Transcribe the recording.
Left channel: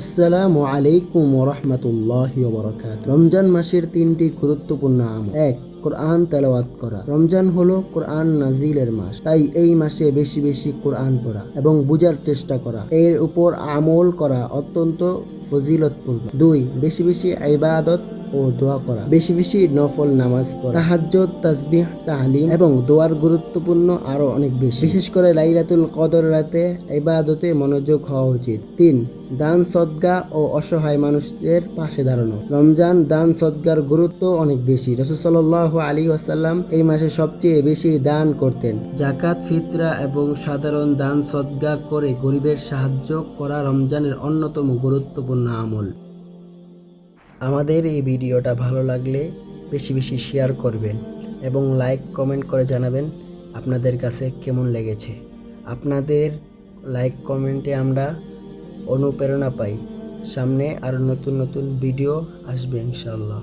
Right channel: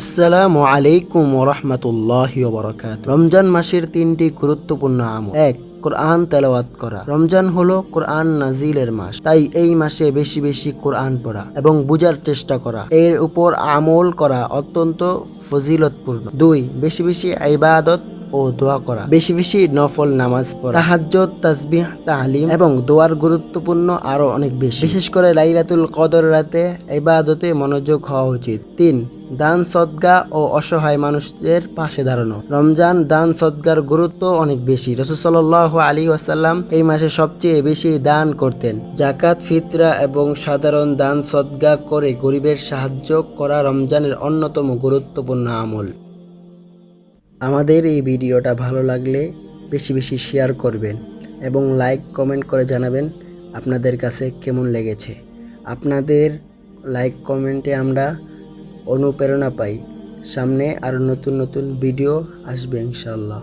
আসসালামু আলাইকুম ওরহমতুল্লাহি ওয়াবারাকাতুহু। রমজান মাসের তিনটি গুরুত্বপূর্ণ আমল। 1. কোরআন তেলাওয়াত করা। রমজান হলো কোরআন নাজিলের মাস, তাই এই মাসে বেশি বেশি কোরআন পড়া এবং বুঝার চেষ্টা করা, এর উপর আমল করা অত্যন্ত ফজিলতপূর্ণ। 2. বেশি বেশি ইবাদত ও দোয়া করা, বেশি বেশি নফল নামাজ পড়া, তাহাজ্জুদ, তাসবিহ, তাহলিল এবং দোয়ার গুরুত্বপূর্ণ আরো অনেক বেশি। বিশেষ করে লাইলাতুল কদর রাতে ইবাদতে মনোযোগ হওয়া উচিত। 3. দান সদকা ও অসহায় মানুষদের পাশে দাঁড়ানো। রমজান দান সদকার গুরুত্ব অনেক বেশি। রাসূল সাল্লাল্লাহু আলাইহি ওয়াসাল্লাম এই মাসে সবচেয়ে বেশি দান করতেন। যাকাত, ফিতরা এবং সাধারণ দান সদকা করে গরিবের সাহায্য করা রমজানের অন্যতম গুরুত্বপূর্ণ আমল। আমাদের এই ভিডিওটা ভালো লাগলে বেশি বেশি শেয়ার করবেন এবং লাইক কমেন্ট করে জানাবেন আপনাদের কাছে কেমন লেগেছে। আপনাদের লাইক কমেন্টে আমরা অনুপ্রেরণা পাই, সামনে আরও নতুন নতুন ভিডিও আসবে ইনশাআল্লাহ।